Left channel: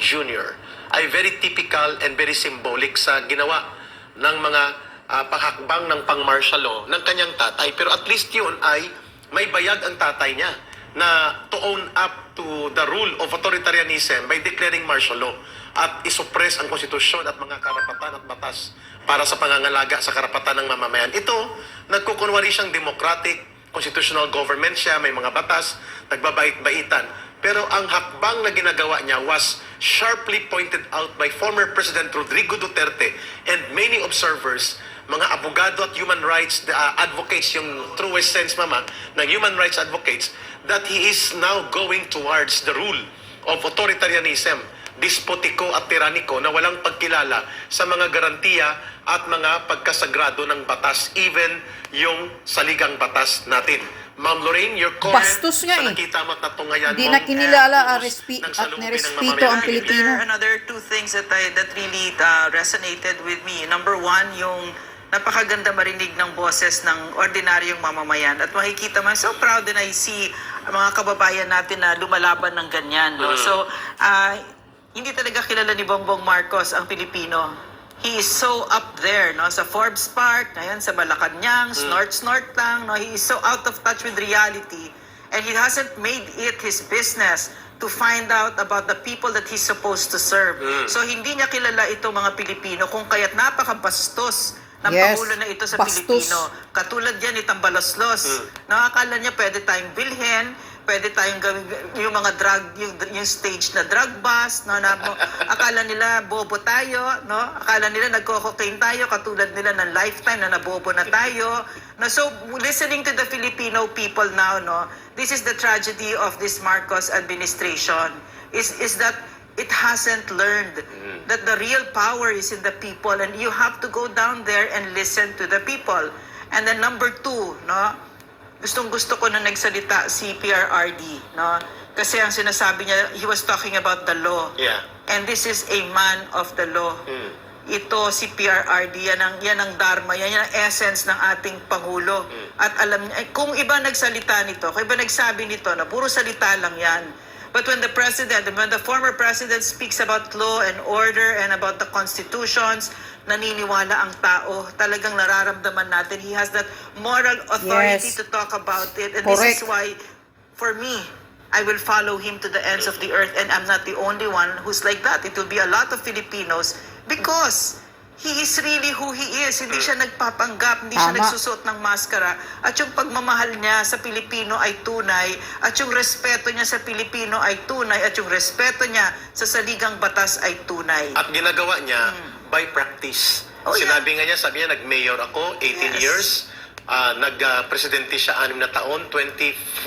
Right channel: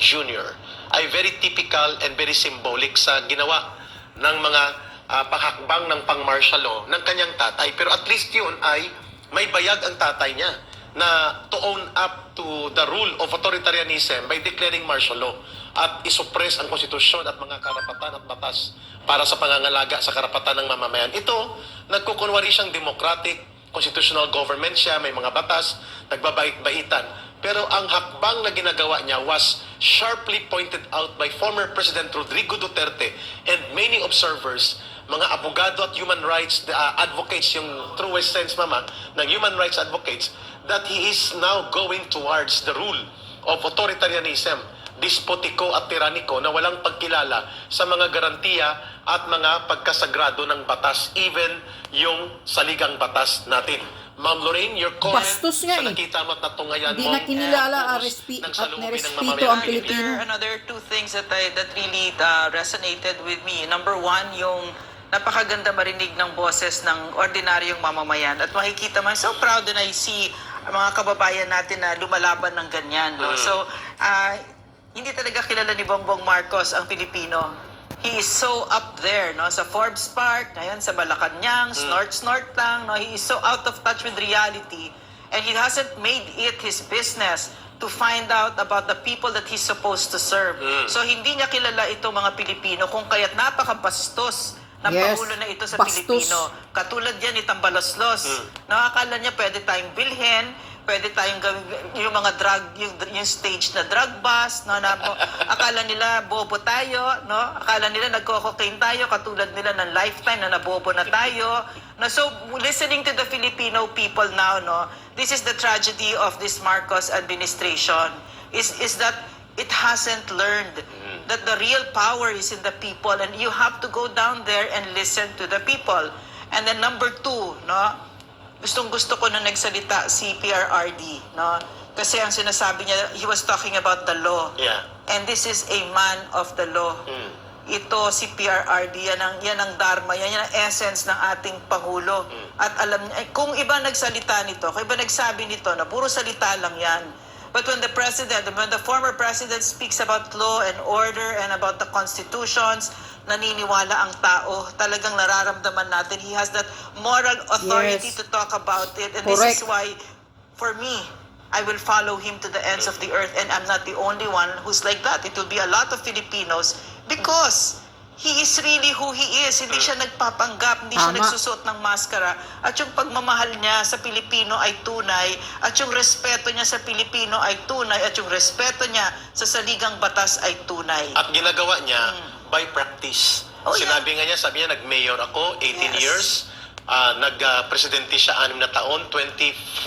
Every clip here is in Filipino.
Jr. ay very typical and very symbolic sa ginawa ng mga pahakbang ng pang-martial law ng kanyang tatay. Pero at least yun ay may bayag ang tatay niya na to own up to the rule of authoritarianism by declaring martial law at isuppress ang konstitusyon at mga karapatan at batas para sa pangangalaga sa karapatan ng mamamayan. Ito, nagkukunwari siyang democratic, constitutional government siya, may mga batas, nagbabait-baitan. Pero ang hakbang na ginagawa niya was sharply pointed out by former President Rodrigo Duterte and many observers, mga abogado at human rights advocates, yung truest sense, mama, ng human rights advocates, that he is now going towards the rule of authoritarianism, despotiko at tiraniko na walang pagkilala sa mga garantiya at mga pagkasagrado ng batas, even yung saligang batas natin. Ma'am Lorraine, your comment Bastos nga sa eh. nakita mo at natungayan Di mo, na kinilala ng at salubin ng nerespeto mamamayan. ang Pilipino. There are another two things that really resonated with me. Number one, yung napakaganda marinig ng boses ng ordinaryong mamamayan. At makikita man, so proud and I see mga kababayan natin na lumalaban ng ganyan. No? So, hindi talaga kilala ni Bongbong Marcos ang Pilipino. He is so up there, no, sa Forbes Park, ngayon sa Malacanang, snort lang, no, he is so out of touch with reality, and he hasn't made it his business to find out about the people that he's supposed to serve. So hindi niya kilala ito mga Pilipino, kung kaya't napakabastos ng Pangulo na ito sa bastos. Pilipino. Katulad yan ni Tambalaslos. Nakakala niya pwede tayong bilhin, pwede tayong gawin yung mga drug, yung stage na drug bust, no, na akala nila bobo tayo, no? Akala nila nagko-cocaine tayo, katulad nila ng lifetime na nabobo na tayo. No, so listening to the Filipino people now, no, this is the tragedy of this Marcos administration is that it hasn't learned that the real power is in the people, and you have to go down there and listen to the people. And then number two, no, gustong-gusto ko na nagsalita si PRRD, no? Kasi ang sinasabi niya, he was talking about the law. Yeah. And this is a man of the law. Ito si PRRD, yan ang dharma, yan ang essence ng ating Pangulo. At alam niya, kung iba nagsalita nito, kung iba nagsabi nito na puro salita lang yan. But when the former president speaks about law and order and about the constitutions, naniniwala ang tao, talagang nararamdaman natin. He has that moral authority to talk about it. And Correct. this is why, for me, I will follow him to the ends of the earth. And I'm not the only one who's like that. It will be a lot of Filipinos because he is really who he is. Hindi siya nagpapanggap, hindi siya Tama. nagsusuot ng maskara. At yung pagmamahal niya sa Pilipino ay tunay. At yung respeto niya sa Pilipino ay tunay. At yung respeto niya sa saligang batas ay tunay. At ginagawa niya by practice. Oh, Sinabi nga niya, sabi niya, nag-mayor ako, 18 Yes. years. Nag-presidente siya 6 na taon, 25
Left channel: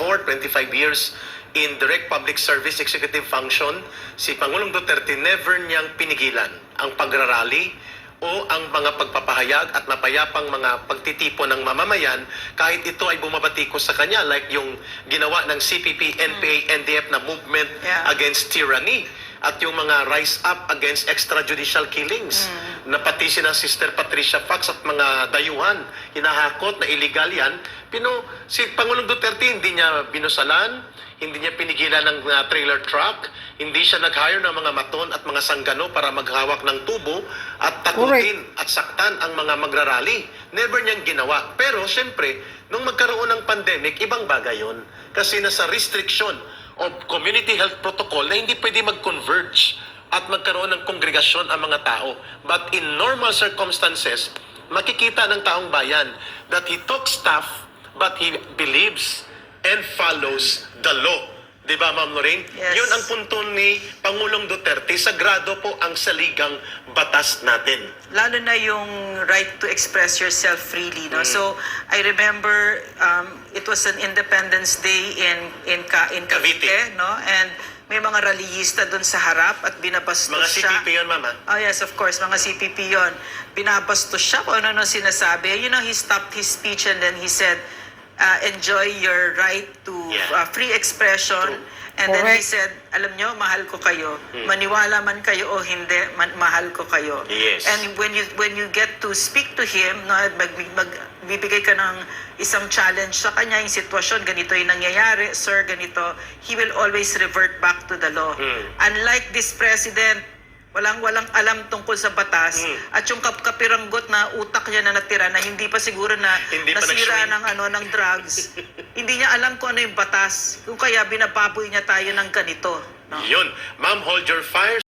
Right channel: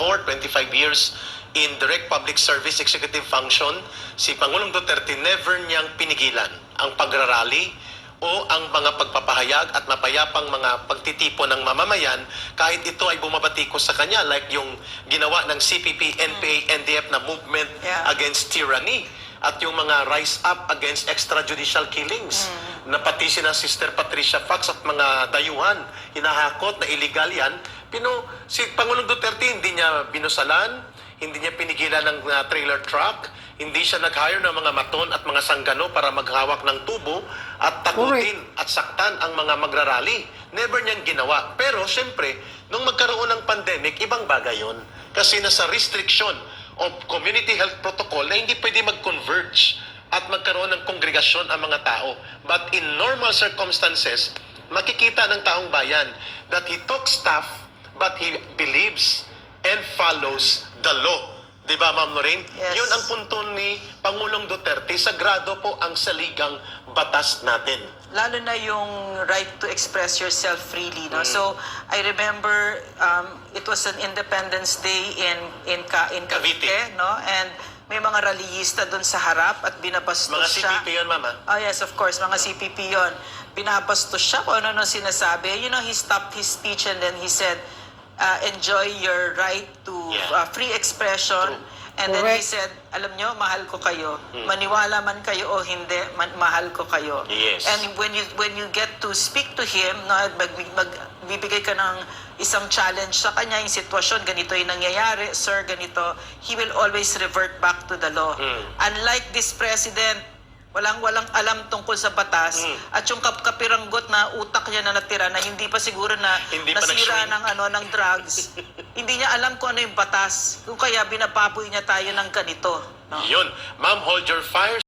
years in direct public service executive function. Si Pangulong Duterte never niyang pinigilan ang pagrarally o ang mga pagpapahayag at mapayapang mga pagtitipo ng mamamayan kahit ito ay bumabatikos sa kanya, like yung ginawa ng CPP, NPA, NDF na movement against tyranny at yung mga rise up against extrajudicial killings na pati si na Sister Patricia Fox at mga dayuhan hinahakot na illegal yan. Si Pangulong Duterte hindi niya binusalan, hindi niya pinigilan ng trailer truck, hindi siya nag-hire ng mga maton at mga sanggano para maghawak ng tubo at takutin at saktan ang mga magrarally. Never niyang ginawa. Pero siyempre, nung magkaroon ng pandemic, ibang bagay yun. Kasi nasa restriction of community health protocol na hindi pwede mag-converge at magkaroon ng kongregasyon ang mga tao. But in normal circumstances, makikita ng taong bayan that he talks tough but he believes and follows the law. Di ba, Ma'am Lorraine? Yes. Yun ang punto ni Pangulong Duterte. Sagrado po ang saligang batas natin. Lalo na yung right to express yourself freely, no? So I remember it was an Independence Day in Cavite, no? And may mga rallyista doon sa harap at binabastos Mga siya. CPP yun, Mama. Oh yes, of course, mga CPP yon. Binabastos siya kung ano sinasabi. You know, he stopped his speech and then he said, enjoy your right to Yeah. free expression. True. And then he Correct. said, alam nyo, mahal ko kayo. Maniwala man kayo o hindi, mahal ko kayo. Yes. And when you get to speak to him, no, magbibigay ka ng isang challenge sa kanya, yung sitwasyon, ganito yung nangyayari, sir, ganito, he will always revert back to the law. Unlike this president, walang alam tungkol sa batas, at yung kapiranggot na utak niya na natira na hindi pa siguro na Hindi pa nasira nag-shrink. ng drugs. Hindi niya alam kung ano yung batas. Kung kaya binababoy niya tayo ng ganito. No? Yun. Ma'am, hold your fire.